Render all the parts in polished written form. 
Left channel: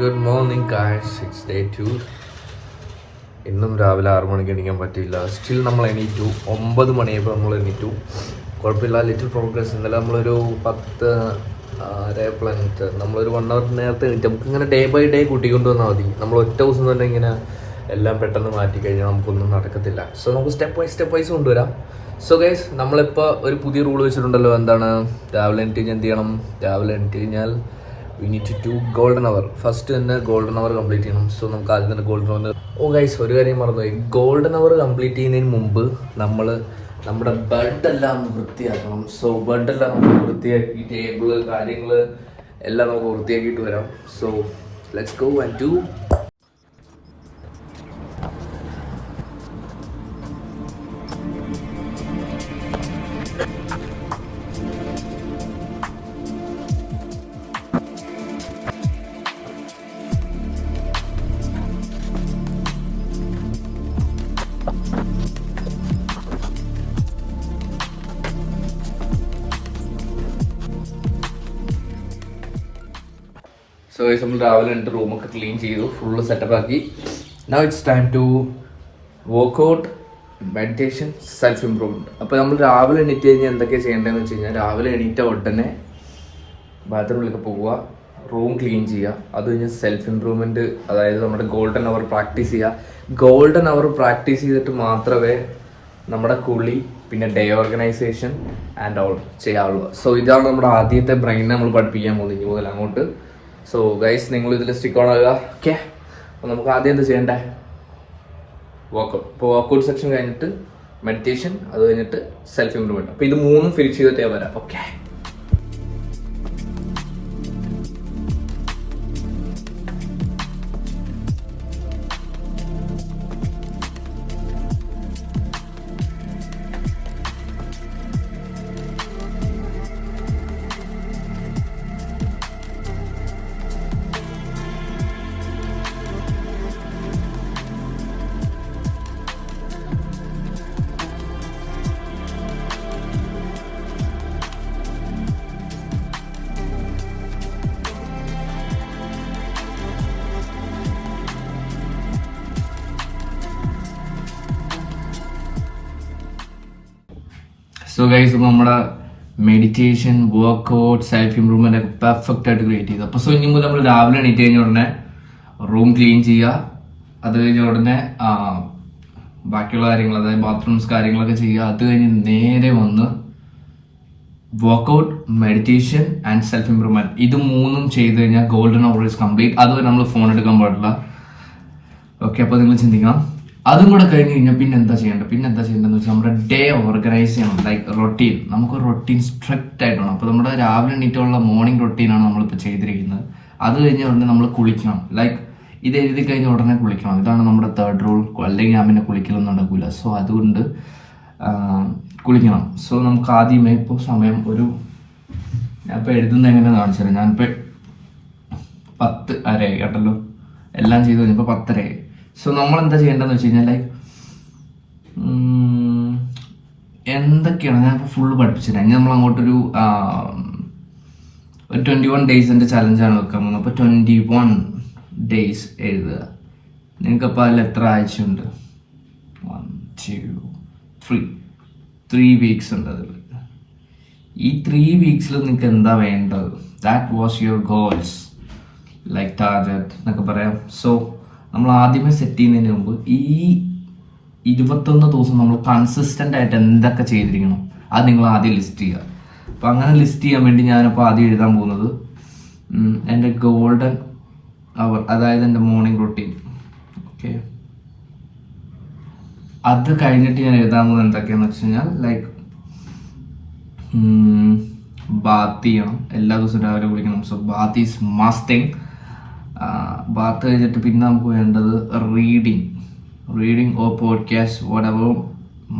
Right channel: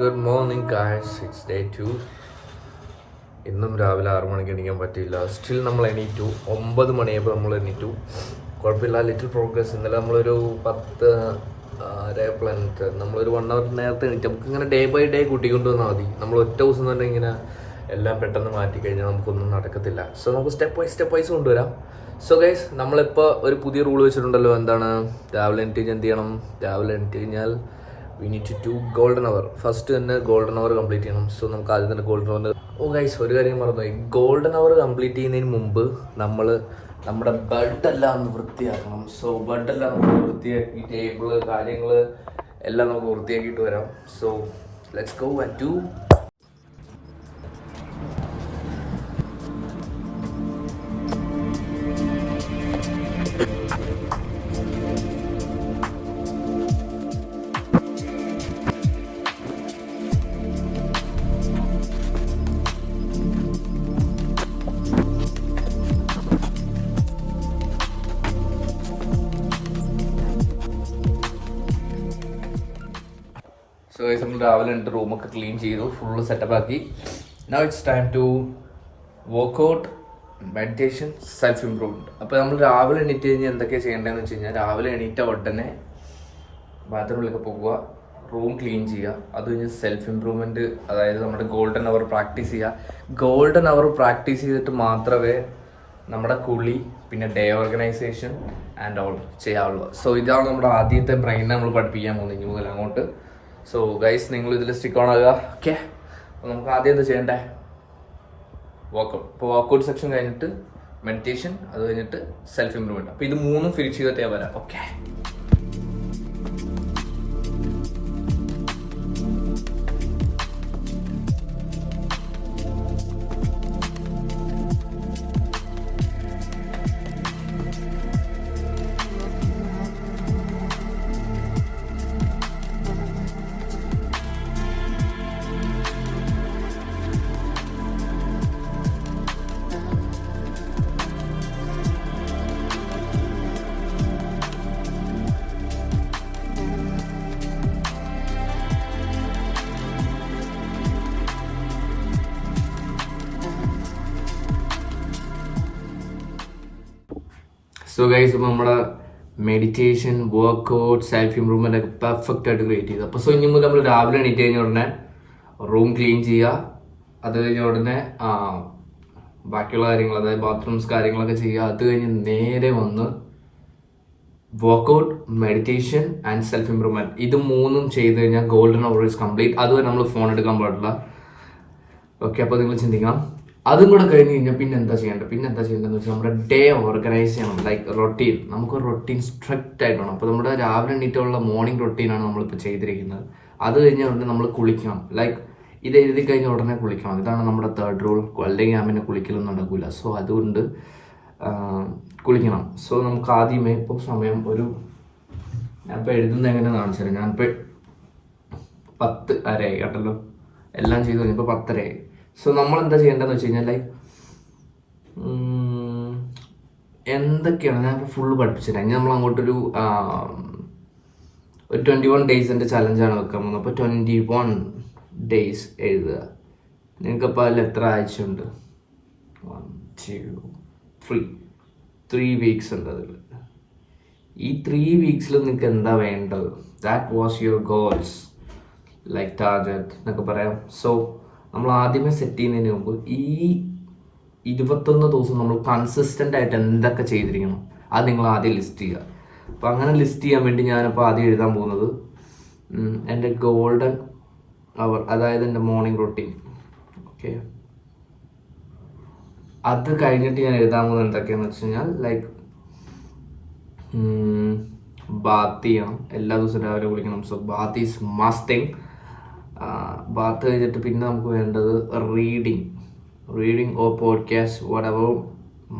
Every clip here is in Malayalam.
Good morning guys, its day 2. ഇന്നും രാവിലെ 6 മണിക്ക് എണീക്കാൻ പറ്റിയില്ല. സ്റ്റിൽ നമ്മൾ എണീറ്റു. 9 മണിയായപ്പോൾ നമ്മൾ എണീറ്റു. കുഴപ്പമില്ല, ലിറ്റിൽ പ്രോഗ്രസ്. ഇന്നലെ നമ്മളൊരു 10 പ്ലാനറ്റ് നമ്മളൊരു 1 അവർ നേരത്തെ എണീറ്റ്. നമുക്കിങ്ങനെ ഡേ ബൈ ഡേ കൂട്ടിക്കൊണ്ട് വന്നാൽ മതി. നമ്മൾ ഒറ്റ ദിവസം തന്നെ ഇങ്ങനെ എല്ലാം പെട്ടെന്ന് മാറ്റിക്കഴിഞ്ഞാൽ നമുക്കൊന്നും നടക്കത്തില്ല. സോ നമുക്ക് സ്റ്റെപ്പ് വൈസ് കൊണ്ടുവരാം. സോ ഗൈസ്, നമ്മളിപ്പോൾ ഒരു പുതിയ റൂൾ വെച്ചിട്ടുണ്ടല്ലോ. എന്താണ്? രാവിലെ എണീറ്റ് കഴിഞ്ഞാൽ എന്ത് ചെയ്യണം? രാവിലെ എണീറ്റ് കഴിഞ്ഞാൽ we need to golden hour. First തന്നെ ഗോൾഡൻ അവർ കംപ്ലീറ്റ് ചെയ്യണം. സോ നമുക്ക് ആദ്യം തന്നെ ഗോൾഡൻ അവർ. ഗൈസ്, ഒരു കാര്യം മറന്നുപോയി. ഗോൾഡൻ അവർ കംപ്ലീറ്റ് ചെയ്യുന്നതിന് മുമ്പ് നമ്മൾ നമ്മുടെ ബെഡെല്ലാം ഒന്ന് വൃത്തിയാക്കണം. സോ ബെഡെല്ലാം നമുക്ക് വൃത്തിയാക്കി, ടേബിള് കാര്യങ്ങൾ എല്ലാം നമുക്ക് വൃത്തിയാക്കിയിട്ട് വരാം. So let's go and do. So guys, നമ്മൾ രാവിലെ എൻ്റെ റൂമൊക്കെ ക്ലീൻ ചെയ്തു, ഫുള്ള് സെറ്റപ്പ് ആക്കി. Now it's time to workout, meditation, self improvement. അപ്പോൾ നമ്മൾ രാവിലെ എണീറ്റ് കഴിഞ്ഞാൽ എന്തൊക്കെയാണ് ചെയ്യേണ്ടതെന്ന് വെച്ച് കഴിഞ്ഞാൽ, രാവിലെ എണീറ്റ ഉടനെ ബാത്റൂമിലൊക്കെ പോകുക, റൂം ക്ലീൻ ചെയ്യുക. അത് കഴിഞ്ഞ് സെൽഫ് ഇംപ്രൂവ്മെൻറ്റ്, അതായത് നമ്മുടെ ഗോൾഡൻ അവർ പ്രാക്ടീസ് ചെയ്യുക. ഗോൾഡൻ അവർ പ്രാക്ടീസ് ചെയ്തിട്ട് മാത്രമേ നമ്മുടെ കുളി, പിന്നെ ഡേ ഓർഗനൈസേഷൻ ആൻഡ് ഓൾ ചെയ്യാവുള്ളൂ. സോ ഇതാണ് നമ്മുടെ ആദ്യത്തെ ബ്രെയിനെ നമ്മൾ പഠിപ്പിക്കാൻ പോകുന്നത് ഇനി മുതൽ അങ്ങോട്ട്. സോ ഗൈസ്, നിങ്ങൾ ഇതിൽ സ്റ്റിക്ക് ഓൺ ആകുക. ഓക്കെ, അപ്പോൾ നമുക്ക് ആദ്യം എന്താ ചെയ്യണ്ടേ? വർക്കൗട്ട്. ഇപ്പോൾ വർക്കൗട്ട് സെക്ഷൻ കഴിഞ്ഞിട്ട് മെഡിറ്റേഷൻ, അത് കഴിഞ്ഞിട്ട് സെൽഫ് ഇംപ്രൂവ്മെൻറ്റ്. അപ്പോൾ ഇത് മൂന്നും ഫിനിഷ് ചെയ്തിട്ടേ വരാം. ഓക്കെ. സോ ഗൈസ്, ഇപ്പോൾ നമ്മുടെ മെഡിറ്റേഷൻ, വർക്കൗട്ട്, സെൽഫ് ഇംപ്രൂവ്മെൻ്റ് ഒക്കെ പെർഫെക്റ്റ് ആയിട്ട് ക്രിയേറ്റ് ചെയ്തു. അപ്പോൾ സോ ഇനി മുതൽ നമ്മൾ രാവിലെ എണീറ്റ് കഴിഞ്ഞ ഉടനെ റൂം ക്ലീൻ ചെയ്യുക. അത് കഴിഞ്ഞ ഉടനെ ബാക്കിയുള്ള കാര്യങ്ങൾ, അതായത് ബാത്റൂംസ് കാര്യങ്ങളൊക്കെ ചെയ്യുക. അത് കഴിഞ്ഞ് നേരെ വന്ന് workout, meditation and self improvement. ഇത് മൂന്നും ചെയ്ത് കഴിഞ്ഞാൽ ഗോൾഡൻ അവർ ഈസ് കംപ്ലീറ്റ്. അതുവരെ നമ്മൾ ഫോൺ എടുക്കാൻ പാടില്ല. ഓക്കെ, അപ്പോൾ നിങ്ങൾ ചിന്തിക്കണം. അതും കൂടെ കഴിഞ്ഞ് കഴിഞ്ഞാൽ പിന്നെ എന്താ ചെയ്യേണ്ടതെന്ന് വെച്ചാൽ നമ്മുടെ ഡേ ഓർഗനൈസ് ചെയ്യണം. Like routine. നമുക്ക് റൊട്ടീൻ സ്ട്രിക്റ്റ് ആയിട്ട് വേണം. അപ്പോൾ നമ്മുടെ രാവിലെ എണീറ്റുള്ള മോർണിംഗ് റൊട്ടീനാണ് നമ്മളിപ്പോൾ ചെയ്തിരിക്കുന്നത്. അത് കഴിഞ്ഞ ഉടനെ നമ്മൾ കുളിക്കണം. ലൈക്ക് ഇത് എഴുതി കഴിഞ്ഞ ഉടനെ കുളിക്കണം. ഇതാണ് നമ്മുടെ 3rd റൂൾ. അല്ലെങ്കിൽ ഞാൻ പിന്നെ കുളിക്കലൊന്നും നടക്കില്ല. സോ അതുകൊണ്ട് കുളിക്കണം. സോ നമുക്ക് ആദ്യമേ ഇപ്പോൾ സമയം ഞാനിപ്പോൾ എഴുതുന്നത് എങ്ങനെ കാണിച്ചു തരാം. ഞാനിപ്പോൾ 10:30 കേട്ടല്ലോ. എല്ലാം ചെയ്ത് കഴിഞ്ഞപ്പോൾ 10:30. സോ നമ്മൾ എന്താ ചെയ്യേണ്ടതെന്ന് വെച്ച് കഴിഞ്ഞാൽ, ലൈക്ക് എന്തൊക്കെയാണ് ഞാൻ ഇപ്പോൾ ഫുള്ള് പഠിപ്പിച്ചിട്ട് ഇനി നമ്മൾ അങ്ങോട്ടൊരു 21 ഡേയ്സിൻ്റെ ചലഞ്ചാണ് വെക്കാൻ പോകുന്നത്. അപ്പോൾ 21 ഡേയ്സ് എഴുതുക. നിങ്ങൾക്കപ്പോൾ അതിൽ എത്ര ആഴ്ചയുണ്ട്? 1 2 3 വീക്സ് ഉണ്ട് അതിൽ. ഈ 3 വീക്സിൽ നിങ്ങൾക്ക് എന്താ വേണ്ടത്? That was your goals, like target എന്നൊക്കെ പറയാം. സോ നമ്മൾ ആദ്യമേ സെറ്റ് ചെയ്യുന്നതിന് മുമ്പ് ഈ 21 ദിവസം നമ്മൾ കൺസിസ്റ്റൻ്റ് ആയിട്ട് എന്തൊക്കെ ചെയ്തിരിക്കണം അത് നിങ്ങൾ ആദ്യം ലിസ്റ്റ് ചെയ്യുക. അപ്പോൾ അങ്ങനെ ലിസ്റ്റ് ചെയ്യാൻ വേണ്ടി ഞാനിപ്പോൾ ആദ്യം എഴുതാൻ പോകുന്നത് എൻ്റെ ഗോൾഡൻ അവർ, അതായത് എൻ്റെ മോർണിംഗ് റൊട്ടീൻ. ഓക്കെ, അത് കഴിഞ്ഞിട്ട് ഞാൻ എഴുതാൻ പോകുന്നത് എന്തൊക്കെയാണെന്ന് വെച്ച് കഴിഞ്ഞാൽ, ലൈക്ക് ബാത്ത് ചെയ്യണം. എല്ലാ ദിവസവും രാവിലെ കുളിക്കണം. So bath is must thing. Bath കഴിഞ്ഞിട്ട് പിന്നെ നമുക്ക് വേണ്ടത് റീഡിങ് ഓർ പോഡ്കാസ്റ്റ്, വാട്ട്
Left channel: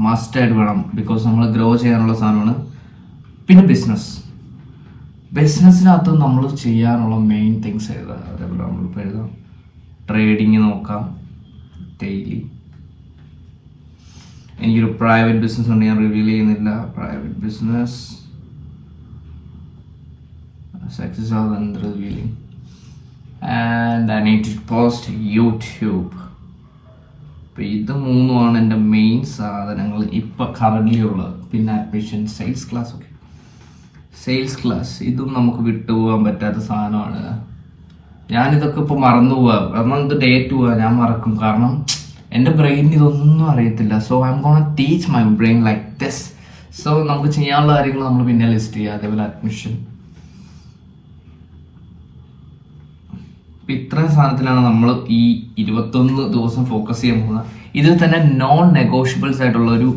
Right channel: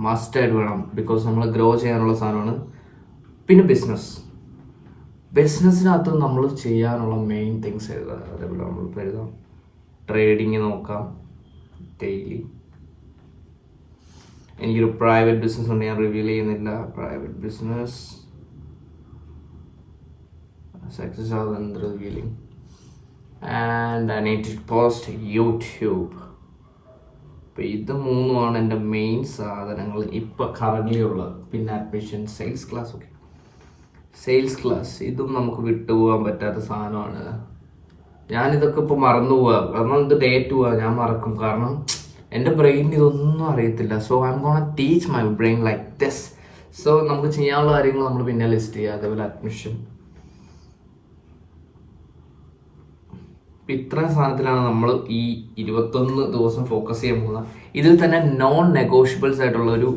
മസ്റ്റായിട്ട് വേണം. ബിക്കോസ് നമ്മൾ ഗ്രോ ചെയ്യാനുള്ള സാധനമാണ്. പിന്നെ ബിസിനസ്സിനകത്ത് നമ്മൾ ചെയ്യാനുള്ള മെയിൻ തിങ്സ് എഴുതുക. അതേപോലെ നമ്മളിപ്പോൾ എഴുതാം. ട്രേഡിങ് നോക്കാം ഡെയിലി. എനിക്കൊരു പ്രൈവറ്റ് ബിസിനസ് ഉണ്ട്, ഞാൻ റിവീൽ ചെയ്യുന്നില്ല. പ്രൈവറ്റ് ബിസിനസ് സക്സസ് ആവുന്നത് revealing. And and I need to post YouTube. അപ്പോൾ ഇത് മൂന്നുമാണ് എൻ്റെ മെയിൻ സാധനങ്ങൾ ഇപ്പോൾ കറൻ്റ്ലി ഉള്ളത്. പിന്നെ admission, sales class. Okay, sales class ഇതും നമുക്ക് വിട്ടുപോകാൻ പറ്റാത്ത സാധനമാണ്. ഞാനിതൊക്കെ ഇപ്പോൾ മറന്നു പോവാം. കാരണം ഇത് ഡേ 2 ഞാൻ മറക്കും. കാരണം എൻ്റെ ബ്രെയിനിന് ഇതൊന്നും അറിയത്തില്ല. So I M gonna teach my brain like this. So നമുക്ക് ചെയ്യാനുള്ള കാര്യങ്ങൾ നമ്മൾ പിന്നെ ലിസ്റ്റ് ചെയ്യുക. അതേപോലെ അഡ്മിഷൻ. ഇത്രയും സാധനത്തിലാണ് നമ്മൾ ഈ 21 ദിവസം ഫോക്കസ് ചെയ്യാൻ പോകുന്നത്. ഇതിൽ തന്നെ നോൺ നെഗോഷ്യബിൾസ് ആയിട്ടുള്ള ഒരു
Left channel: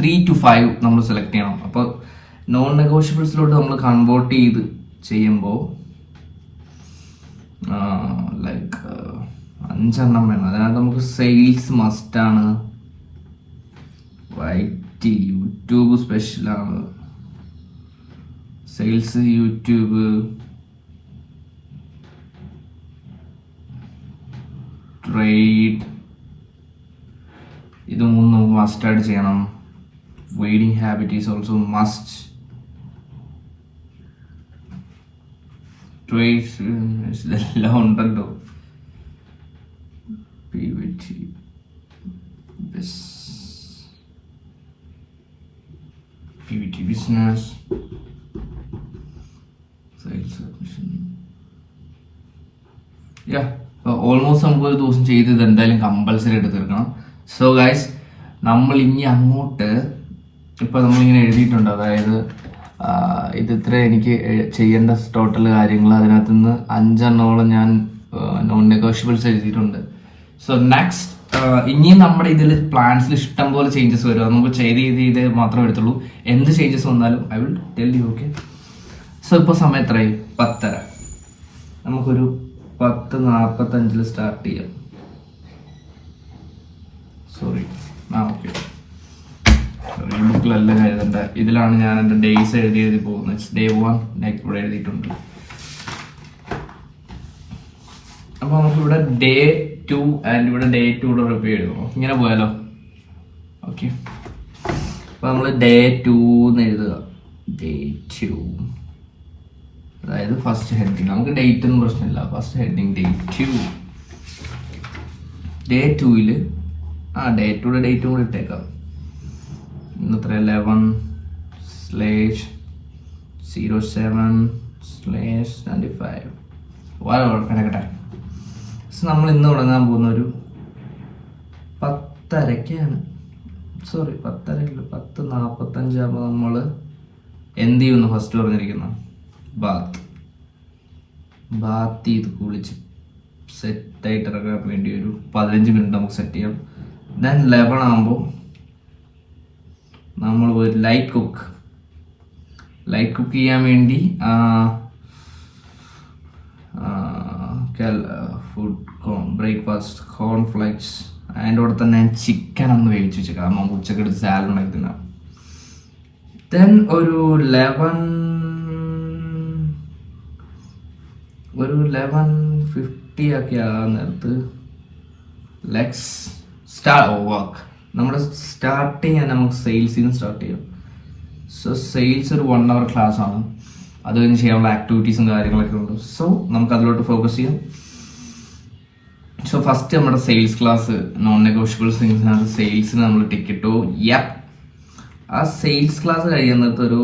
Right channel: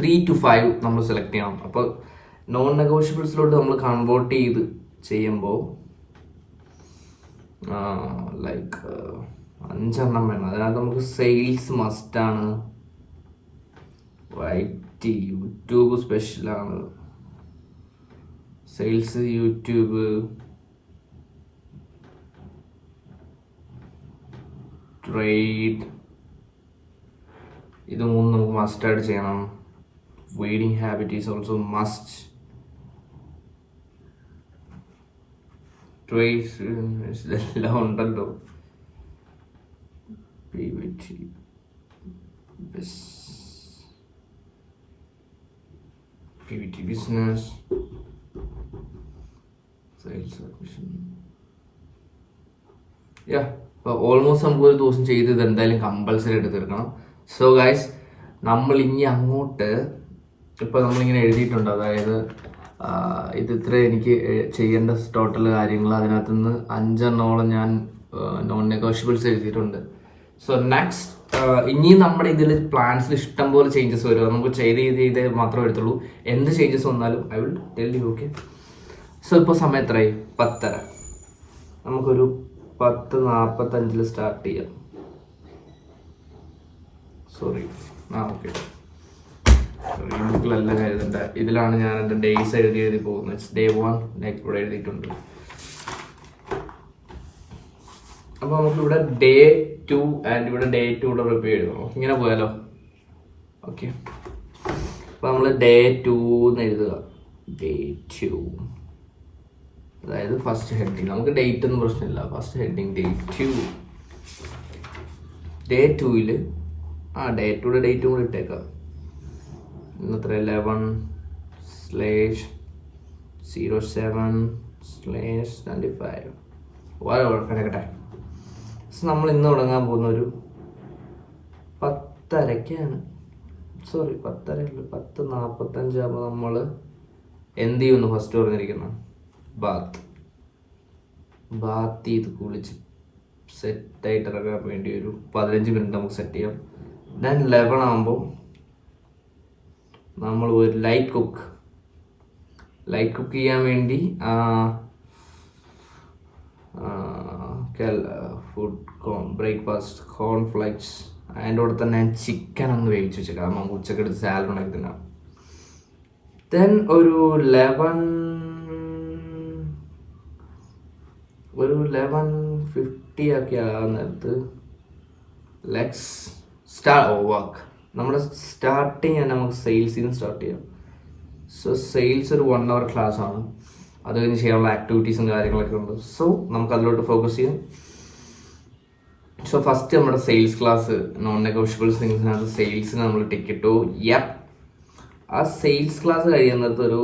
3 to 5 നമ്മൾ സെലക്ട് ചെയ്യണം. അപ്പോൾ നോൺ നെഗോഷ്യബിൾസിലോട്ട് നമ്മൾ കൺവേർട്ട് ചെയ്ത് ചെയ്യുമ്പോൾ ലൈക്ക് 5 എണ്ണം വേണം. അതിനകത്ത് നമുക്ക് സെയിൽസ് മസ്റ്റാണ്, വൈറ്റ് യൂട്യൂബ് സ്പെഷ്യലാണ്, സെയിൽസ് യൂട്യൂബ്, ട്രേഡ്, ഇത് മൂന്നും നമുക്ക് മസ്റ്റായിട്ട് ചെയ്യണം. Waiting habit is also must. Trades ഇതെല്ലാം ഉണ്ടല്ലോ. PVT business, sales admission. Almost നമുക്ക് ഒരു ദിവസം ചെയ്ത് ഇത് എന്തായാലും കമ്പൽസറി ആയിട്ട് തീർക്കണം. സോ ഗൈസ്, നമ്മൾ ഇനി അങ്ങോട്ട് ഇപ്പോൾ നമ്മളിങ്ങനെ എഴുതിയിട്ടുണ്ട്. അതായത് ഇത് ഇത്ര എനിക്ക് ചെയ്യേണ്ട ടോട്ടൽ കാര്യങ്ങൾ. അതിനകത്ത് നിന്ന് 5 എണ്ണോളം ഞാൻ നോൺ നെഗോഷ്യബിൾസ് എഴുതിയിട്ടുണ്ട്. സോ നെക്സ്റ്റ് ഇനിയും നമ്മുടെ ഇതിൽ പ്ലാൻസിൽ ഇഷ്ടം പോലെ ചേഞ്ചസ് വരും. നമുക്ക് ചെയ്ത് മാത്രമേ എടുത്തുള്ളൂ. എന്ത് ചേഞ്ചസ് വന്നാലും I will tell you. Okay, so ഇപ്പോൾ സമയം എത്രയായി? 10:30. നമുക്കൊരു 10:45 സ്റ്റാർട്ട് ചെയ്യാം. സോറി, ഓക്കെ, ഈ ബുക്കിലെല്ലാം എഴുതണ്ട. ഇതിലാണ് ഞാൻ എൻ്റെ ഡേയ്സ് എഴുതി പോകുന്നത്. ഡേ 1 ഇവിടെ എഴുതിയിട്ടുണ്ട്. അപ്പോൾ നമുക്കിവിടെ ഡേ 2 ആൻഡ് ഇവിടെ ഡേ 2 റിവ്യൂ എഴുതണം. ഇങ്ങനെ പോയാലോ? ഓക്കെ, അപ്പോൾ നമ്മൾ ഡേ 2 എന്ന് എഴുതുക. ഡേ 2, അതായത് ഫസ്റ്റ് ഹെഡിങ്. നമുക്ക് ഡേറ്റ് ഒന്നും പ്രശ്നമില്ല. First heading day 2. ഡേ 2ൽ ഡേ 2യുടെ ഡേറ്റും കൂടി ഇട്ടേക്കാം. ഇന്നത്ര 11/07/25 കിടക്കട്ടെ. നമ്മൾ ഇന്ന് തുടങ്ങാൻ പോകുന്ന ഒരു 10:30-ക്കാണ്. സോറി, 10:30 10:45 ആകുമ്പോൾ നമ്മൾ എന്ത് ചെയ്യുമെന്ന് ഫസ്റ്റ് പറഞ്ഞിരിക്കുന്നു. ബാത്ത് ചെയ്ത് കുളിച്ച് സെറ്റായിട്ട് ഇറങ്ങാൻ വേണ്ടി ഒരു 15 മിനിറ്റ് നമുക്ക് സെറ്റ് ചെയ്യാം. ദെൻ 11 ആകുമ്പോൾ നമ്മൾ ഒരു ലൈറ്റ് കുക്ക് ചെയ്യാൻ വേണ്ടി ഫുഡ് ബ്രേക്ക്ഫാസ്റ്റ് കോൺഫ്ലെക്സ്. അതിൻ്റെ കൂടെ തന്നെ ചിക്കൻ ഒന്ന് വേവിച്ച് വെച്ചേക്കാം. കാരണം നമുക്ക് ഉച്ചക്ക് എടുത്ത് സാലഡ് ഉണ്ടാക്കി തിന്നാം. ദെൻ ഒരു 11:50 ഒക്കെ ആകാൻ നേരത്ത് ലെറ്റ്സ് സ്റ്റാർട്ട് വർക്ക്. നമ്മുടെ സ്റ്റാർട്ടിങ് തന്നെ നമുക്ക് സെയിൽസിൽ നിന്ന് സ്റ്റാർട്ട് ചെയ്യാം. സോ സെയിൽസ് ഒരു 1 hour ക്ലാസ് ആണ്. അത് കഴിഞ്ഞ് ചെയ്യാനുള്ള ആക്ടിവിറ്റീസും കാര്യങ്ങളൊക്കെ ഉണ്ട്. സോ നമുക്ക് അതിലോട്ട് ഫോക്കസ് ചെയ്യാം. സോ ഫസ്റ്റ് നമ്മുടെ സെയിൽസ് ക്ലാസ്, നോൺ നെഗോഷ്യബിൾ തിങ്സിനകത്ത് സെയിൽസിന് നമ്മൾ ടിക്കറ്റോ. ആ സെയിൽസ് ക്ലാസ് കഴിയാൻ നേരത്ത് ഒരു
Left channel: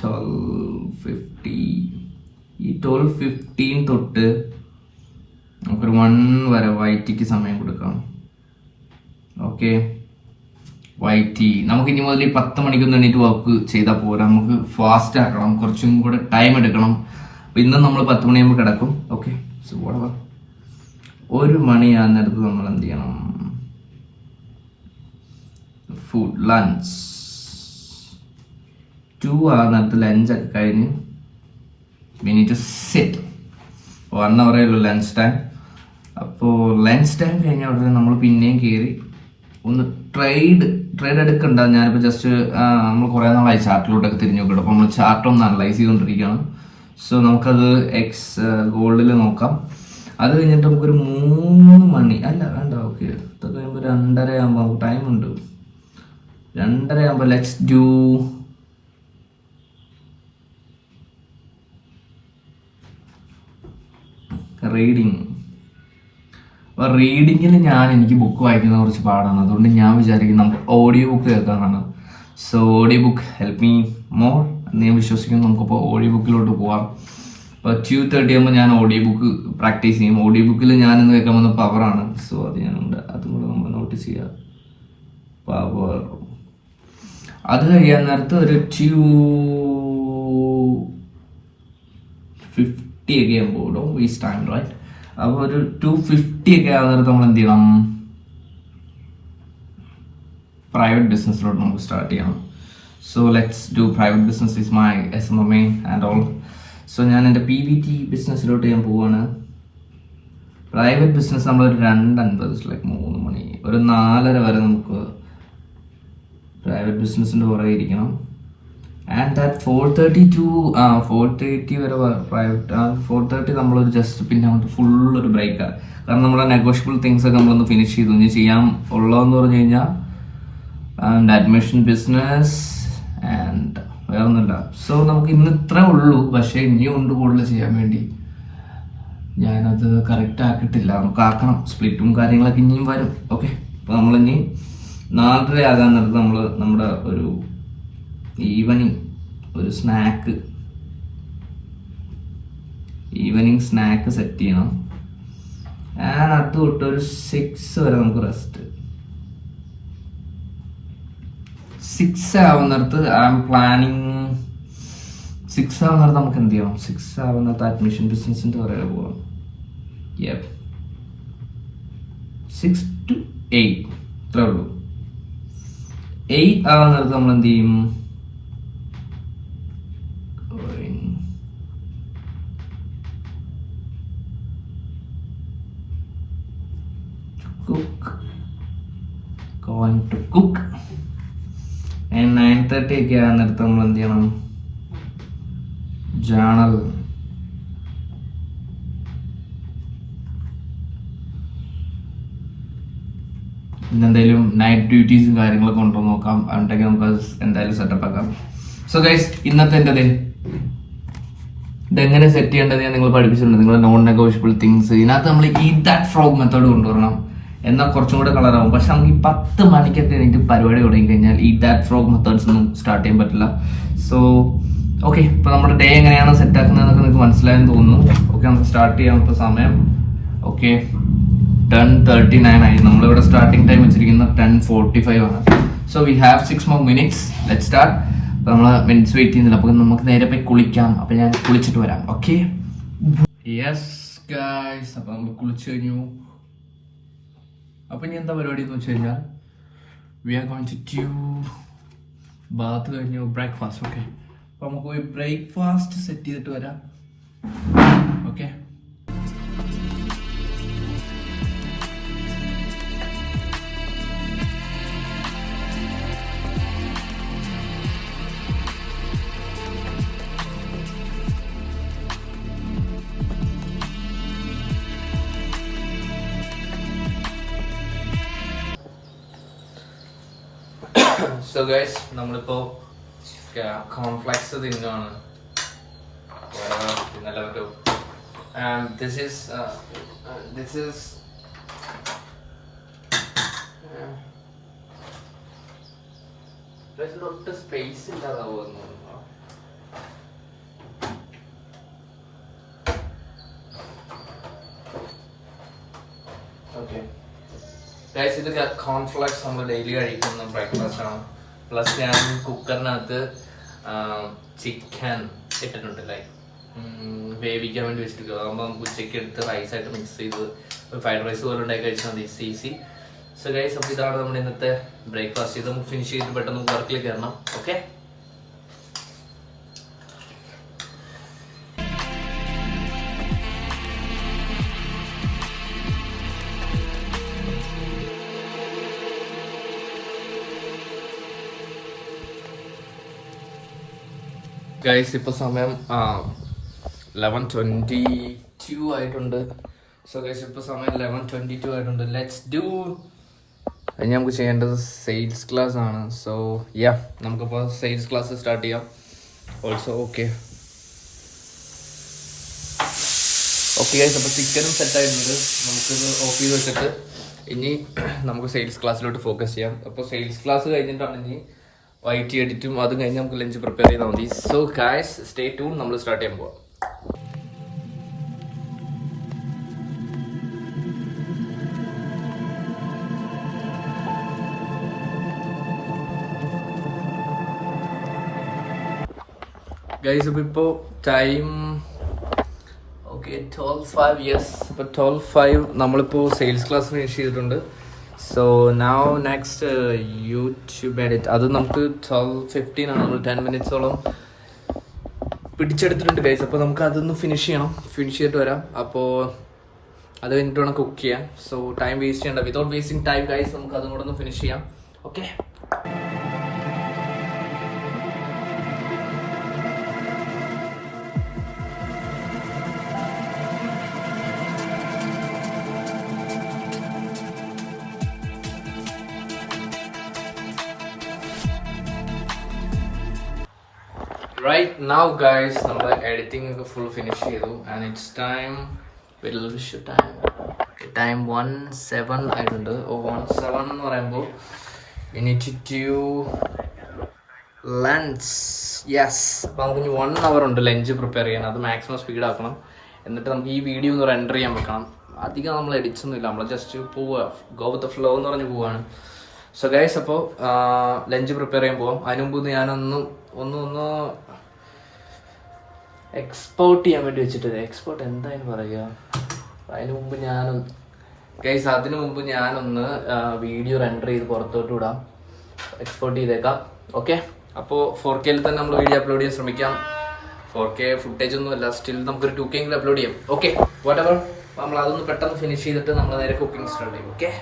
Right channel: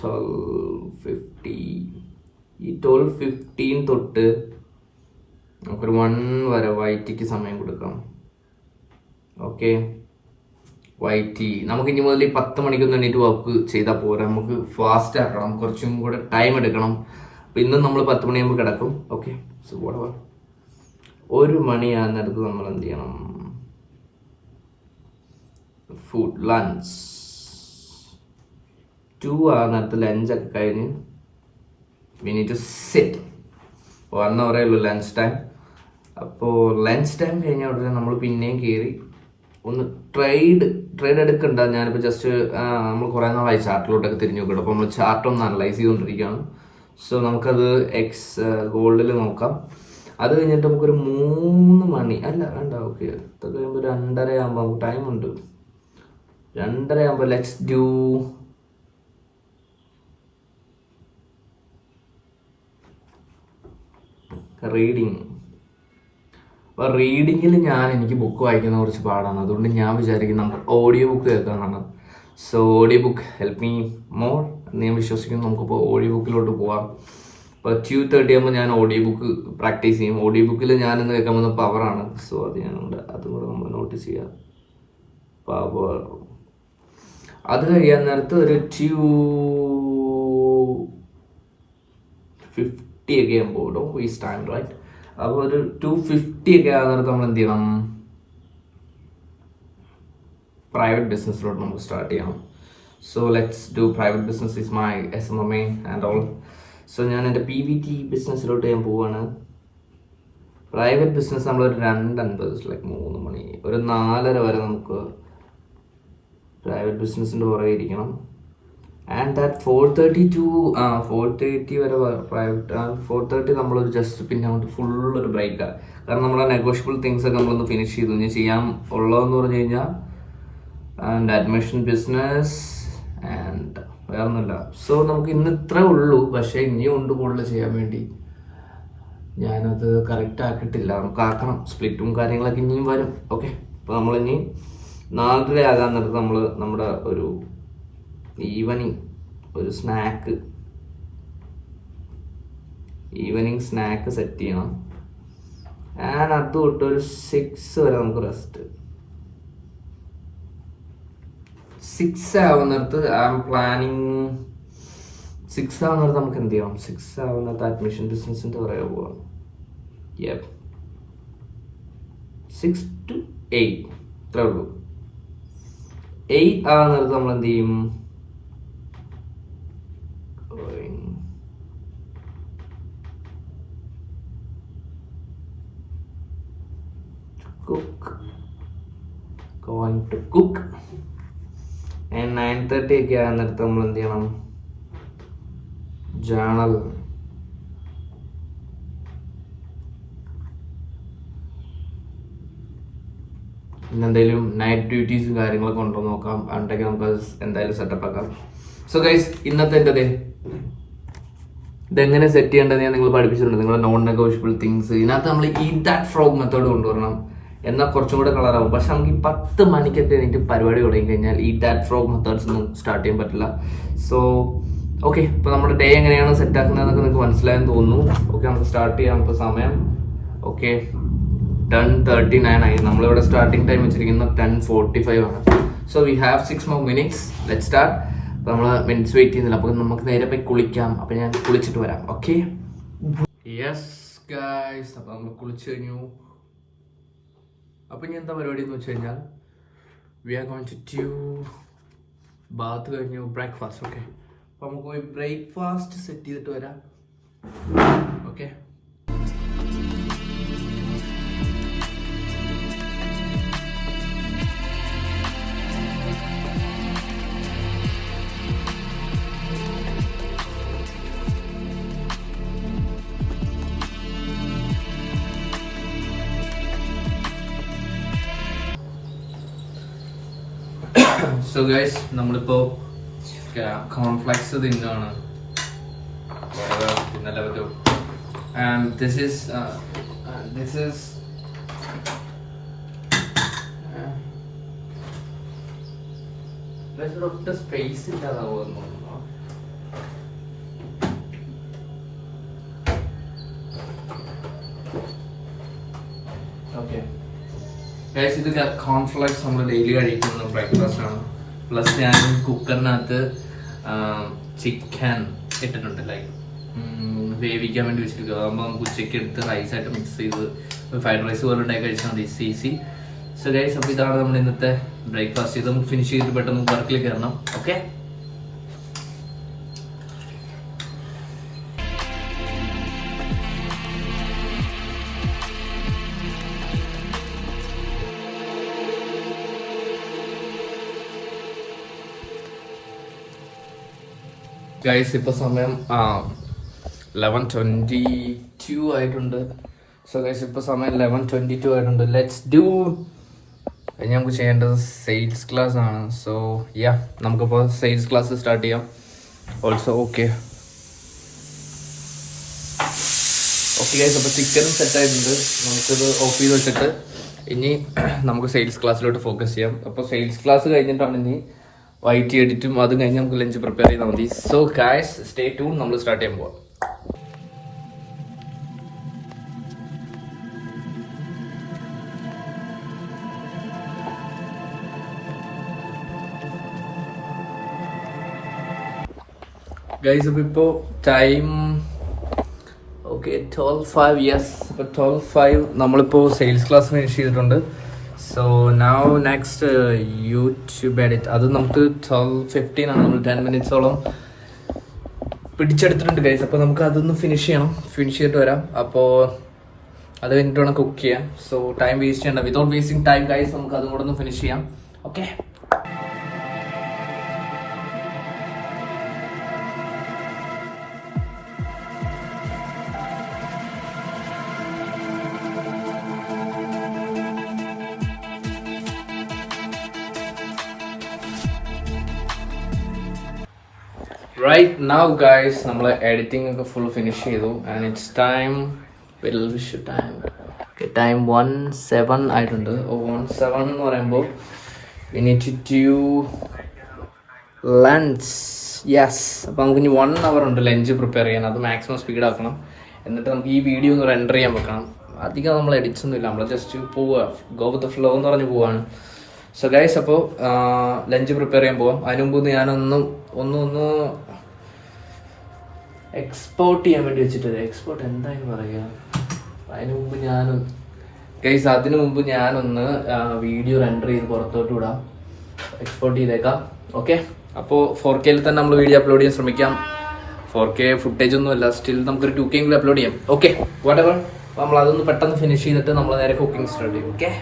12:15 തൊട്ട് നമുക്കൊരു 1 വരെ വൈറ്റിക്ക് സമയം കൊടുക്കാം. ഓക്കെ, വൈറ്റി നമുക്ക് ഇനി മുതൽ 10 മണിക്കൊന്നും എണീറ്റ് വർക്ക് ചെയ്താൽ പോരാ. നമുക്ക് ഫാസ്റ്റ് ആക്കണം, കുറച്ചും കൂടെ ടൈം എടുക്കണം. അപ്പോൾ ഇന്ന് നമ്മൾ 10 മണിയാകുമ്പോൾ കിടക്കും. ഓക്കെ, സോ വാട്ട് 1 മണിയാകുന്നിടത്ത് നമ്മൾ എന്ത് ചെയ്യണം? Food lunch. 2 ആകുന്നിടത്ത് ലഞ്ചൊക്കെ കഴിഞ്ഞ് we need to sit. 1 hour ഉള്ളൂ ലഞ്ച് ടൈം. അപ്പോൾ ലഞ്ച് ടൈം കഴിഞ്ഞ ഉടനെ നമ്മൾ പിന്നെയും കയറി ഒന്ന് ട്രേഡ് എടുക്കണ്ട. ഞാനിപ്പോൾ ജസ്റ്റ് നമ്മൾ കുറേ നാളായി ചാർട്ടിലോട്ടൊക്കെ തിരിഞ്ഞു നോക്കണം. അപ്പോൾ നമ്മൾ ചാർട്ട് ഒന്ന് അനലൈസ് ചെയ്തുകൊണ്ടിരിക്കുകയാണ്. സോ നമുക്കത് ഗോൾഡിൽ നോക്കാം. അത് കഴിഞ്ഞിട്ട് നമുക്കൊരു 3 മണി വേണ്ട, ഓക്കെ, അത് കഴിയുമ്പോൾ 2:30 ആകുമ്പോൾ നമുക്ക് ടൈമുണ്ട്. 2:30 ആകുമ്പോൾ ലെറ്റ്സ് ഡു റീഡിങ്. അപ്പോൾ റീഡിങ്ങിൽ എനിക്ക് ബുക്ക് വായിക്കുന്ന കുറച്ച് പാടാണ്. അതുകൊണ്ട് ഞാൻ വിചാരിക്കും നമുക്ക് ഓഡിയോ ബുക്ക് കേൾക്കാമെന്നാണ്. So audio book help me more എന്ന് ഞാൻ വിശ്വസിക്കുന്നു. നമുക്കിപ്പോൾ ഓഡിയോ ബുക്കിലോട്ട് പോവാം. അപ്പോൾ 2:30 ആകുമ്പോൾ ഞാൻ ഓഡിയോ ബുക്ക് പ്രാക്ടീസ് ചെയ്യും. ഓഡിയോ ബുക്കിൽ ഞാനിന്ന് കേൾക്കാൻ വന്ന പവറാണ്. സോ അത് ഞാനുണ്ട്, അതും കൂടെ നമ്മൾ നോട്ടീസ് ചെയ്യുക. പവർ. അത് കഴിയാൻ നേരത്ത് ഒരു 2:50 ഒക്കെ ആകുമ്പോൾ ഡോണ്ട് വേസ്റ്റ് ടൈം റൈറ്റ്. അപ്പോൾ ഒരു 2:50 ഒക്കെ ആകുന്ന നേരത്ത് നമ്മൾ എന്ത് ചെയ്യണം? പ്രൈവറ്റ് ബിസിനസ്സിലോട്ട് നമുക്ക് സ്റ്റാർട്ട് ചെയ്യണം. So let's do private business is my SMMA and all. So ഞാൻ എൻ്റെ PVT ബിസിനസ്സിലോട്ട് ഞാൻ പോവാണ്. പ്രൈവറ്റ് ബിസിനസ് നമ്മളൊരു 2:50 ലൈക്ക് 3 മണി, ഒരു 4:30 വരെ നമുക്ക് പ്രൈവറ്റ് ബിസിനസ്സിൻ്റെ പുറകെ ഇരിക്കണം. ആൻഡ് ദാറ്റ് 4:30 വരെ പ്രൈവറ്റ്. 4:30 നമ്മളൊരു ജസ്റ്റ് പിന്നെ അങ്ങോട്ട് ഫുള്ളൊരു ബ്രേക്കാണ്. കാരണം നമ്മുടെ നെഗോഷ്യബിൾ തിങ്സ് ഒക്കെ നമ്മളൊന്ന് ഫിനിഷ് ചെയ്തു. ഇനി ചെയ്യാൻ ഉള്ളതെന്ന് പറഞ്ഞു കഴിഞ്ഞാൽ ആൻഡ് അഡ്മിഷൻ ബിസിനസ് ആൻഡ് വേറെ ഒന്നുമില്ല. സോ നമുക്ക് ഇന്ന് ഇത്രേ ഉള്ളൂ. പക്ഷേ ഇനിയും ഉണ്ട് കൂടുതൽ ചെയ്യാൻ വേണ്ടി. ഞാനത് കറക്റ്റ് ആക്കിയിട്ടില്ല. നമുക്ക് ആക്കണം. സ്പ്ലിറ്റും കാര്യങ്ങളൊക്കെ ഇനിയും വരും. ഓക്കെ, അപ്പോൾ നമ്മളിനി 4:30 ആകാൻ നേരത്ത് നമ്മൾ നമ്മുടെ ഒരു ഈവനിങ് സ്നാക്ക് സെറ്റ് ചെയ്യണം. ആൻഡ് അത് തൊട്ട് ഒരു 6 വരെ നമുക്ക് റെസ്റ്റ്. 6 ആവുന്നിടത്ത് ഐ എം പ്ലാനിങ്. 6 ആവുന്നിടത്ത് നമുക്ക് എന്ത് ചെയ്യണം? 6 ആവുന്നിടത്ത് അഡ്മിഷൻ ബിസിനസിൻ്റെ പുറകെ പോകാം. 6 to 8 ഇത്രേ ഉള്ളൂ. 8 ആവുന്നിടത്ത് നമ്മൾ എന്ത് ചെയ്യും? Going to cook. And 9:30 ഒക്കെ ആകുന്നിടത്ത് നമ്മൾ എന്ത് ചെയ്യണം? ജേണൽ. ഇന്നെന്തെങ്കിലും നൈറ്റ് ഡ്യൂട്ടീസും കാര്യങ്ങളൊക്കെ ഉണ്ടോ നോക്കാം. അതുകൊണ്ടൊക്കെ നമുക്ക് എന്തായാലും സെറ്റപ്പ് ആക്കാം. സോ ഗൈസ്, ഇന്നത്തെ എൻ്റെ ഇതെങ്ങനെ സെറ്റ് ചെയ്യേണ്ടത് ഞാൻ നിങ്ങൾ പഠിപ്പിച്ചിട്ടുണ്ട്. നിങ്ങളുടെ നോൺ നെഗോഷ്യബിൾ തിങ്സ് ഇതിനകത്ത് നമ്മൾ ദാറ്റ് ഫ്രോഗ് മെത്തേഡ് കൊണ്ടുവരണം. എന്നാൽ കുറച്ചും കൂടെ കളറാവും. പക്ഷെ നമുക്ക് ഈ 10 മണിക്കൊക്കെ എനിക്ക് പരിപാടി തുടങ്ങി കഴിഞ്ഞാൽ ദാറ്റ് ഫ്രോഗ് മെത്തേഡ്സ് ഒന്നും സ്റ്റാർട്ട് ചെയ്യാൻ പറ്റില്ല. സോ ഓക്കെ, ഇപ്പോൾ നമ്മുടെ ഡേ എങ്ങനെയാണ് സെറ്റ് ആക്കുന്നതെന്നൊക്കെ നിങ്ങൾക്ക് മനസ്സിലായെന്ന് തോന്നുന്നു. ഓക്കെ, നമുക്ക് സ്റ്റാർട്ട് ചെയ്യാം. ഇപ്പോൾ സമയം 10:39 ആയി. നമ്മളിവിടെ സ്റ്റാർട്ടിംഗ് ടൈം വെച്ചിരിക്കുന്നത് 10:45 ആണ്. So we have 6 more minutes. Let's start. അപ്പോൾ നമ്മൾ മിനിറ്റ്സ് വെയിറ്റ് ചെയ്യുന്നില്ല. അപ്പോൾ നമുക്ക് നേരെ പോയി കുളിക്കാം. അപ്പോൾ ഞാൻ കുളിച്ചിട്ട് വരാം. ഓക്കെ, യെസ് ഗൈസ്, അപ്പോൾ നമ്മൾ കുളിച്ച് കഴിഞ്ഞു. അപ്പോൾ ഇനി എന്താ പരിപാടി എന്ന് വെച്ച് കഴിഞ്ഞാൽ we are going to do bath കഴിഞ്ഞു ബ്രേക്ക്ഫാസ്റ്റ്. ഓക്കെ, അപ്പോൾ നമുക്ക് പോയി ബ്രേക്ക്ഫാസ്റ്റ് സെറ്റ് ചെയ്തിട്ട് വരാം. ഓക്കെ, സോ ഗൈസ്, നമ്മളിപ്പോൾ കോൺഫ്ലെക്സ് തിന്നാണ്. ഇന്നലെ ഒരു ആൻഡ് ദിസ് ഈസ് ഒട്ടും സ്പേസ് ഇല്ലാതെ പോകുന്നു. ഓക്കെ ഗൈസ്, ഇത് കോൺഫ്ലെക്സ് നമ്മൾ ഡെയിലി കഴിക്കുന്ന ബ്രേക്ക്ഫാസ്റ്റ് ആണ്. പ്ലസ് ഞാൻ കുക്കറിനകത്ത് ചിക്കൻ ഇട്ടിട്ടുണ്ട്, ലൈക്ക് വേവിക്കാൻ വേണ്ടി വെച്ചിരിക്കുക. അതാകുമ്പോൾ നമുക്ക് ഉച്ചയ്ക്ക് എടുത്ത് റൈസായിട്ട് മിക്സ് ചെയ്ത് ഫ്രൈഡ് റൈസ് പോലെ ഉണ്ടാക്കി കഴിച്ചാൽ മതി, ഈസി. സോ ഗൈസ്, അപ്പോൾ ഇതാണ് നമ്മുടെ ഇന്നത്തെ ബ്രേക്ക്ഫാസ്റ്റ്. ഇത് നമുക്ക് ഫിനിഷ് ചെയ്തിട്ട് പെട്ടെന്ന് വർക്കിൽ കയറണം. ഓക്കെ, ഗൈസ്, ഇപ്പോൾ സമയം 11:22 ആയിട്ടുണ്ട്. സോ ഗൈസ്, ഇപ്പോൾ സമയം 11:22 ആയിട്ടുണ്ട്. Let's do. ഇനി നമുക്ക് ചെയ്യേണ്ടത് സെയിൽസ് ക്ലാസ് ആണ്. സോ നമുക്കിപ്പോൾ സെയിൽസ് ക്ലാസ് സ്റ്റാർട്ട് ചെയ്യാം. ഓൾസോ ഓക്കെ, ഓക്കെ ഗൈസ്, അപ്പോൾ ചിക്കനും സെറ്റായിട്ടുണ്ട്. നമുക്കിത് ഓഫ് ചെയ്ത് വെച്ചിട്ട് ഇനി നമുക്ക് സെയിൽസ് ക്ലാസ്സിലോട്ട് ഫോക്കസ് ചെയ്യാം. അപ്പോൾ സെയിൽസ് ക്ലാസ് കഴിഞ്ഞിട്ടാണ് ഇനി വൈറ്റ് എഡിറ്റും അതും കഴിഞ്ഞ് നമുക്ക് ലഞ്ച് പ്രിപ്പയർ ചെയ്താൽ മതി. സോ ഗൈസ് സ്റ്റേ ട്യൂൺ, നമ്മൾ സ്റ്റാർട്ട് ചെയ്യാൻ പോവാം. ഗൈസ് അപ്പോൾ ഇപ്പോൾ ടൈം ഓക്കെ 12:05. യെസ്, ഇപ്പോൾ 12:05 നമ്മളിപ്പോൾ സെയിൽസ് ക്ലാസ് ഫിനിഷ് ചെയ്തിട്ടുണ്ട്. So now next YouTube edit, അത് നമുക്ക് 12:15 ആണ്. നമ്മൾ 10 മിനിറ്റ്സോളം പിടിച്ചെടുത്തിട്ടുണ്ട് ഗൈസ്. അപ്പോൾ നമുക്ക് അതൊന്ന് ഫിനിഷ് ചെയ്തിട്ട് വരാം. അപ്പോൾ അത് കഴിഞ്ഞിട്ട് വേണം കുക്ക് ചെയ്യാൻ. സോ ടൈം വേസ്റ്റ് ചെയ്യണ്ട, വിതൗട്ട് വേസ്റ്റിംഗ് ടൈം ഗൈസ്, നമുക്ക് അതും കൂടെ ഒന്ന് ഫിനിഷ് ചെയ്യാം. ഓക്കെ. Right now guys, നമ്മൾ എഡിറ്റിംഗ് ഒക്കെ ഫുൾ ഫിനിഷ് ചെയ്തു. ആൻഡ് ഇറ്റ്സ് ടൈം ടൈം 1:07 ആയിട്ടുണ്ട്. 1:07 എന്ന് പറയുമ്പോൾ we need to do lunch. Yes, അപ്പോൾ നമുക്ക് ഇനി 1 hour ഉണ്ട് ലഞ്ച് പ്രിപ്പയർ ചെയ്യാൻ. അത് മാക്സിമം സ്പീഡ് ആക്കണം. എന്നിട്ട് നമുക്ക് ഈ വീഡിയോ ഒന്ന് റെൻഡർ ചെയ്യാൻ വെക്കണം. അധികം നമ്മൾ എഡിറ്റ്സ് ഒന്നും ഇല്ല, നമ്മൾ ജസ്റ്റ് പോവുക, ഗോ വിത്ത് ദ ഫ്ലോ എന്ന് പറഞ്ഞ് പോവാണ്. സോ ഗൈസ്, അപ്പോൾ ലഞ്ച് പ്രിപ്പയർ ചെയ്യാൻ പോവാം. അതിന് മുമ്പ് ഞാനൊന്ന് എക്സ്പോർട്ട് ചെയ്യാൻ വേണ്ടി വെച്ചിട്ട്, എക്സ്പോർട്ട് എന്തായാലും പറയുക, അതിന് മുമ്പ് ഞാനൊന്ന് വീഡിയോ റെൻഡർ ചെയ്ത് പുറത്തോട്ട് വിടാം, എക്സ്പോർട്ട് ചെയ്തേക്കാം. ഓക്കെ. അപ്പോൾ 4K തന്നെ നമ്മൾ വീഡിയോ അപ്ലോഡ് ചെയ്യാൻ ശ്രമിക്കാം. 4K ഫുട്ടേജ് ഒന്നും അല്ല, സ്റ്റിൽ നമുക്കൊരു 2K അപ്ലോഡ് ചെയ്യാം. Okay, whatever. നമ്മൾ അതൊന്ന് പെട്ടെന്ന് ഫിനിഷ് ചെയ്തിട്ട് നമ്മൾ നേരെ കുക്കിംഗ് സ്റ്റാർട്ട് ചെയ്യും. ഓക്കെ.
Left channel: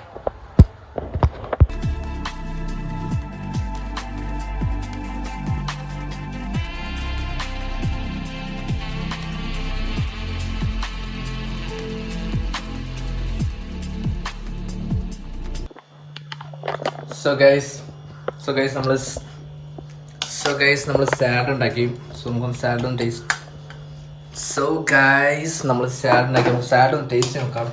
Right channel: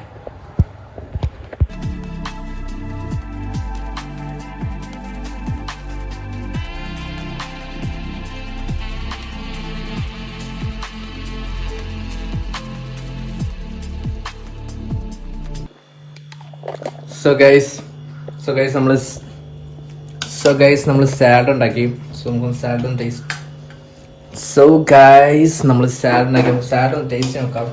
സോ ഗൈസ് നമ്മൾ സാലഡ് ഉണ്ടാക്കി. സോ നമുക്ക് സാലഡ് ഒന്ന് ടേസ്റ്റ്. സോ ഗൈസ് നമ്മൾ സാലഡ് ഉണ്ടാക്കി, സാലഡ് ഒന്ന് ടേസ്റ്റ് നോക്കാം.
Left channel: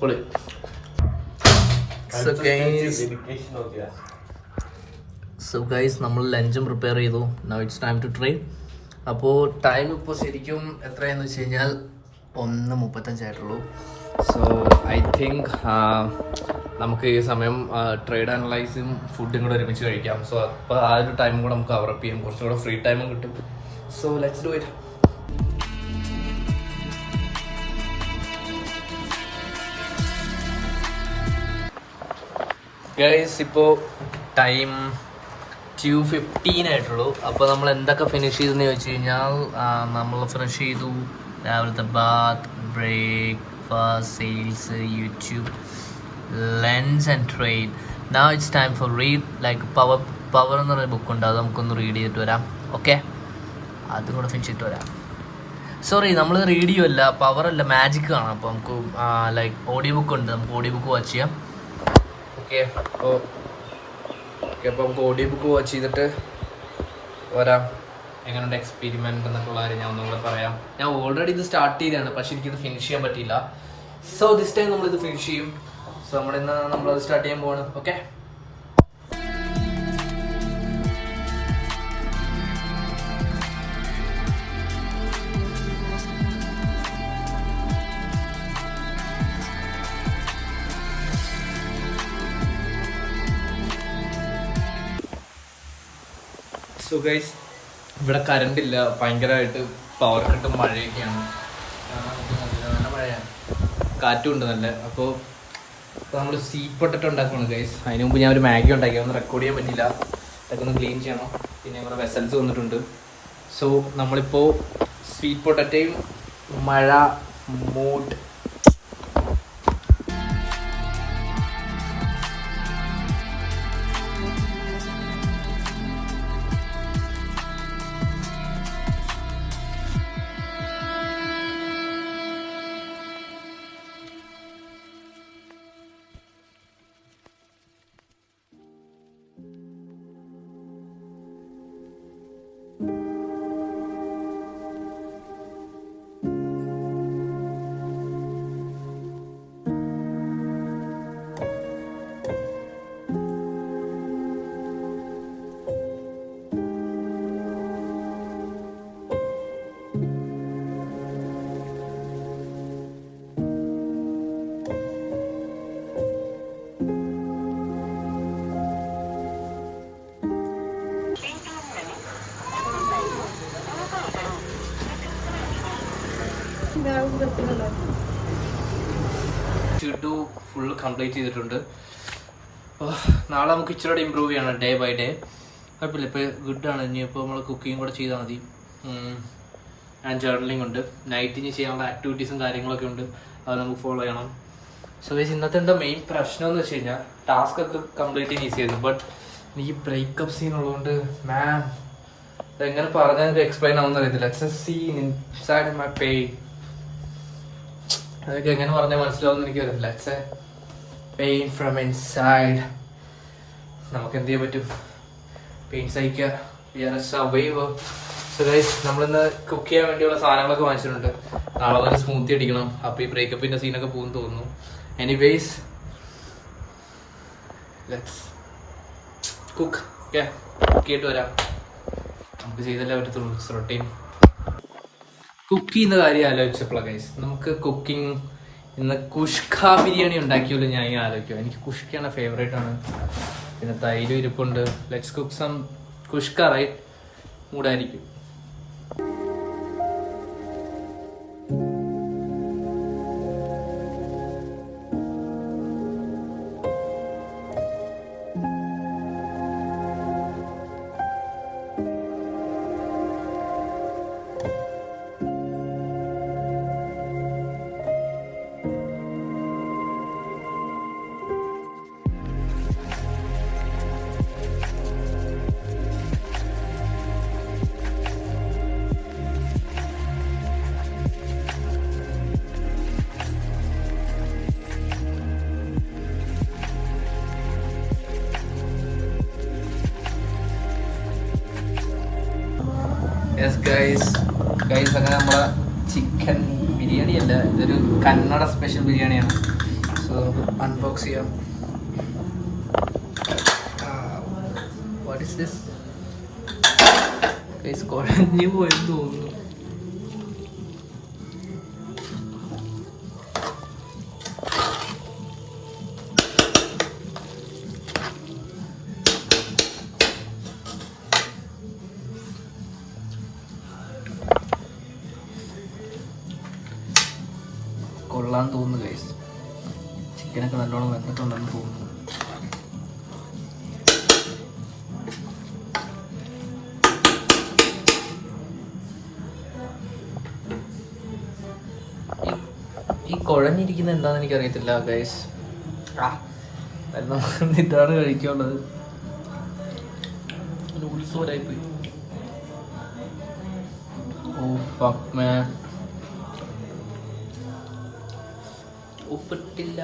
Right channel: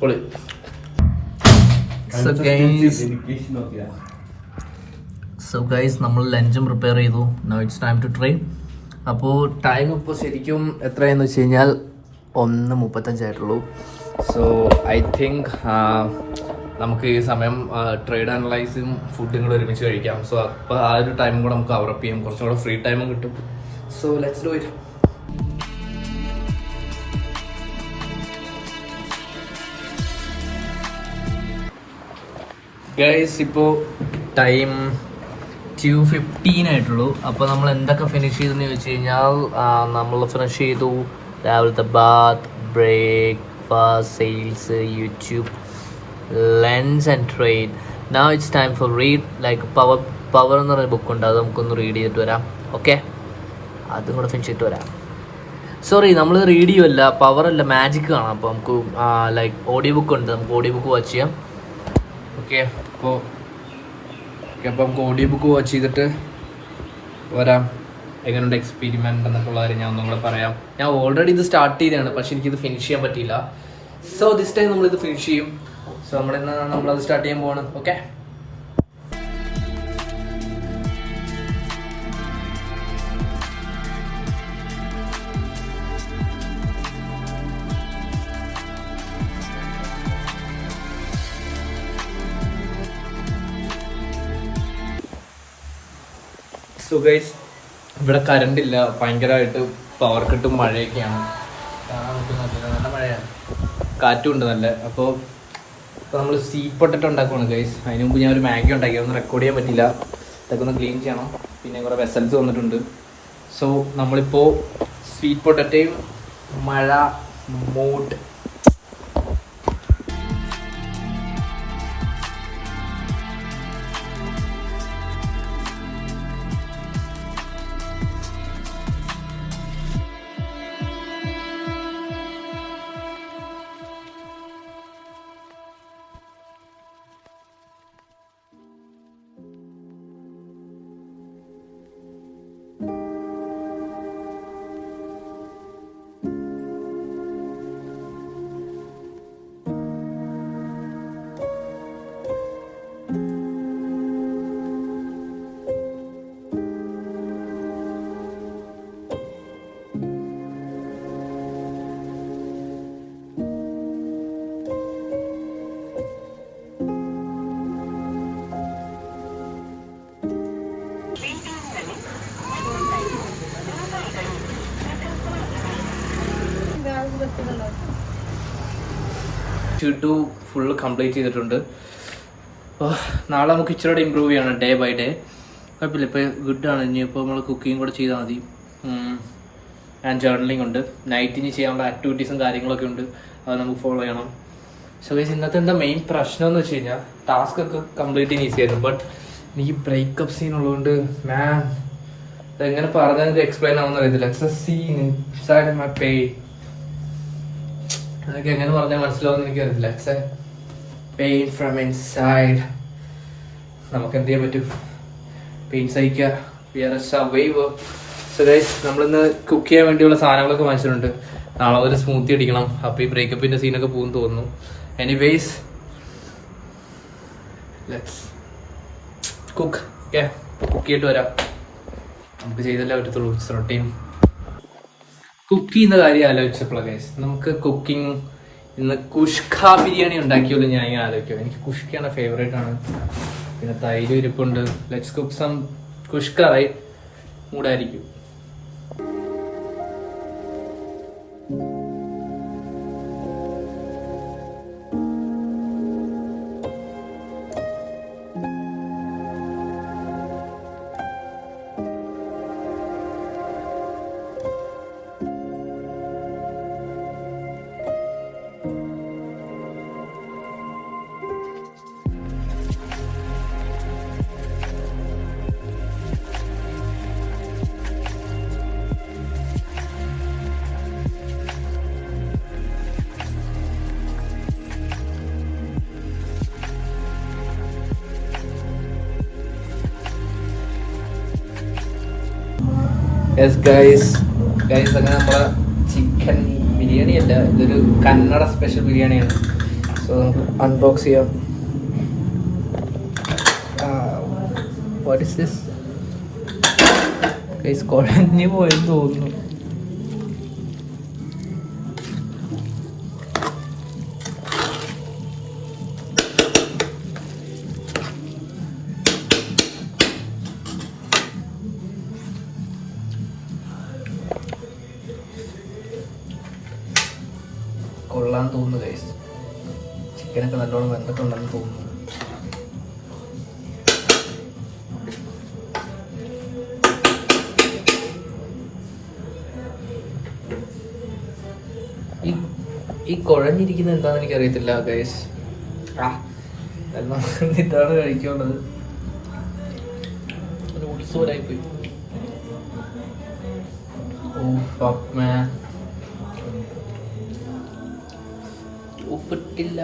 പൊളി. സോ ഗൈസ് നമ്മൾ ലഞ്ചും പ്രിപ്പയർ ചെയ്തു. Now it's time to try. അപ്പോൾ ടൈം ഇപ്പോൾ ശരിക്കും എത്രയാണെന്ന് വെച്ച് കഴിഞ്ഞാൽ 1:35 ആയിട്ടുള്ളൂ. സോ ഐ തിങ്ക് നമുക്ക് ഈ സമയം ട്രേഡ് അനലൈസും ഫുഡും കൂടെ ഒരുമിച്ച് കഴിക്കാം. സോ അപ്പോൾ ആ ഒരു ടൈമും കൂടെ നമുക്ക് കവറപ്പ് ചെയ്യാം, കുറച്ചും കൂടെ ഫ്രീ ടൈമും കിട്ടും. So let's do it. Guys ഇപ്പോൾ ടൈം 2:15 ആയിട്ടുള്ളൂ. അപ്പോൾ നമ്മൾ എന്തൊക്കെ ഫിനിഷ് ചെയ്തെന്ന് ചോദിച്ചു കഴിഞ്ഞാൽ, നമ്മൾ ഫിനിഷ് ചെയ്തു രാവിലത്തെ bath, breakfast, sales, YouTube, lunch and trade. Now it's time for read. Like power എന്ന് പറയുന്ന ബുക്കുണ്ട്, അത് നമുക്കൊന്ന് റീഡ് ചെയ്തിട്ട് വരാം. ഓക്കെ, അതും കൂടെ ഫിനിഷ് ചെയ്തിട്ട് വരാം. സോറി, നമ്മൾ റീഡ് ചെയ്യുമല്ല, പവറല്ല, മാജിക് കാണാം. അപ്പോൾ നമുക്ക് ലൈക്ക് ഓഡിയോ ബുക്ക് ഉണ്ട്, നമുക്ക് ഓഡിയോ ബുക്ക് വാച്ച് ചെയ്യാം. ഓക്കെ, അപ്പോൾ നമുക്ക് ഓഡിയോ ബുക്ക് വാച്ച് ചെയ്തിട്ട് വരാം. എങ്ങനെയുണ്ട് എക്സ്പെരിമെൻ്റ് എന്നൊക്കെ ഉള്ള കാര്യം ഞാൻ ഒന്നും കൂടെ പറയാം. ഞാൻ ഓൾറെഡി ഇത് സ്റ്റാർട്ട് ചെയ്തതാണ്, പക്ഷെ എനിക്കിത് ഫിനിഷ് ചെയ്യാൻ പറ്റിയില്ല. സോ ദിസ് ടൈം നമ്മളിത് ഫിനിഷ് ചെയ്യും. സോ നമ്മളത് സ്റ്റാർട്ട് ചെയ്യാൻ പോവാണ്. ഓക്കെ. സോ ഗൈസ്, ഇവിടെ കറണ്ട് ഇല്ല, ഭയങ്കരമായിട്ട് പവർ കട്ടും മഴയൊക്കെയാണ്. നല്ല മഴയാണ്, കാറ്റും ഉണ്ട് നല്ല. അപ്പോൾ നമ്മൾ സ്വീറ്റ് പൊട്ടറ്റോ ഉണ്ടാക്കുവാണ് ഗൈസ്. അതിന് മുമ്പ് ഞാൻ ഒരു മാഗി ഉണ്ടാക്കി, ഒന്നും റെക്കോർഡ് ചെയ്യാൻ പറ്റില്ല. ഇതൊക്കെ ഒന്ന് ക്ലീൻ ചെയ്യണം. പിന്നെ കുറേ വെസൽസ് വന്നിട്ടുണ്ട്. സോ നമ്മളിപ്പോൾ സ്വീറ്റ് പൊട്ടറ്റോയും മഴ mood you to full complete ചെയ്തിട്ടുണ്ട്. അപ്പോൾ നാളെ നമുക്ക് ഇച്ചിരി ഇമ്പ്രൂവ് ചെയ്യണം ഡേ ബൈ ഡേ. കുഴപ്പമില്ല, ഇപ്പോൾ ഗുഡാണ്. ഇനിയിപ്പോൾ നമ്മൾ കുക്കിംഗ് കൂടെ ചെയ്താൽ മതി. ആൻഡ് ജേർണലിംഗ് ഉണ്ട്, നൈറ്റ് ഇനി ചെയ്യാനുള്ള ആക്ടിവിറ്റീസും കാര്യങ്ങളൊക്കെ ഉണ്ട്, അത് നമുക്ക് ഫോളോ ചെയ്യണം. സോ ഗൈസ്, ഇന്നത്തെ എന്താ മെയിൻ പ്രശ്നം എന്ന് വെച്ച് കഴിഞ്ഞാൽ ടാസ്ക് ഒക്കെ കംപ്ലീറ്റ് ചെയ്യാൻ ഈസി ആയിരുന്നു. ബട്ട് എനിക്ക് ബ്രേക്കപ്പ് സീൻ ഉള്ളതുകൊണ്ട് മാൻ എങ്ങനെ പറഞ്ഞാൽ എനിക്ക് എക്സ്പ്ലെയിൻ ആവുന്ന അറിയത്തില്ല. It's a scene inside my pain. അതൊക്കെ എങ്ങനെ പറഞ്ഞാൽ മനസ്സിലാവുമെന്ന് എനിക്കറിയില്ല. It's a pain from inside. നമുക്ക് എന്ത് ചെയ്യാൻ പറ്റും? പെയിൻ സഹിക്കുക. We are a survivor. So guys, നമ്മളിന്ന് കുക്ക് ചെയ്യാൻ വേണ്ടിയുള്ള സാധനങ്ങളൊക്കെ വാങ്ങിച്ചിട്ടുണ്ട്. നാളെ ഒരു സ്മൂത്തി അടിക്കണം. അപ്പോൾ ഈ ബ്രേക്കപ്പിൻ്റെ സീനൊക്കെ പോകുമെന്ന് തോന്നുന്നു. Anyways let's cook. Okay, cook ചെയ്തിട്ട് വരാം. നമുക്ക് ചെയ്തല്ലേ പറ്റത്തുള്ളൂ. റൊട്ടീൻ കുക്ക് ചെയ്യുന്ന കാര്യം ആലോചിച്ചപ്പോഴാണ് ഗൈസ്, നമുക്ക് കുക്കിംഗ് ഇന്ന് കുഷ്ക ബിരിയാണി ഉണ്ടാക്കിയല്ലോ. ഞാൻ ഇങ്ങനെ ആലോചിക്കും, എനിക്ക് കുഷ്കയാണ് ഫേവറേറ്റ് ആണ്. പിന്നെ തൈരും ഇരിപ്പുണ്ട്. Let's cook some kushka, right? മൂടായിരിക്കും. യെസ് ഗൈസ്, അങ്ങനെ നമ്മളെ ചിക്കൻ ബിരിയാണി അല്ല, ഇതൊരു കന്നഡ സ്പെഷ്യൽ ബിരിയാണിയാണ്. സോ അൺബോക്സ് ചെയ്യാം. What is this guys? കുഴഞ്ഞു പോയെന്ന് തോന്നുന്നു. കൊള്ളാൻ തോന്നുന്നു ഗൈസ്. ചിക്കനൊക്കെ നല്ലോണം വെന്തിട്ടുണ്ടെന്ന് തോന്നുന്നു. ഈ കുഴഞ്ഞിരിക്കുന്നത് എന്താണെന്ന് എനിക്കറിയത്തില്ല ഗൈസ്. എല്ലാം ഇതാണ് കഴിക്കാനുള്ളത്. ഒരു ഉത്സവരായിപ്പോയി. ഓ ഫക്ക് മാൻ, ഉപ്പിട്ടില്ല.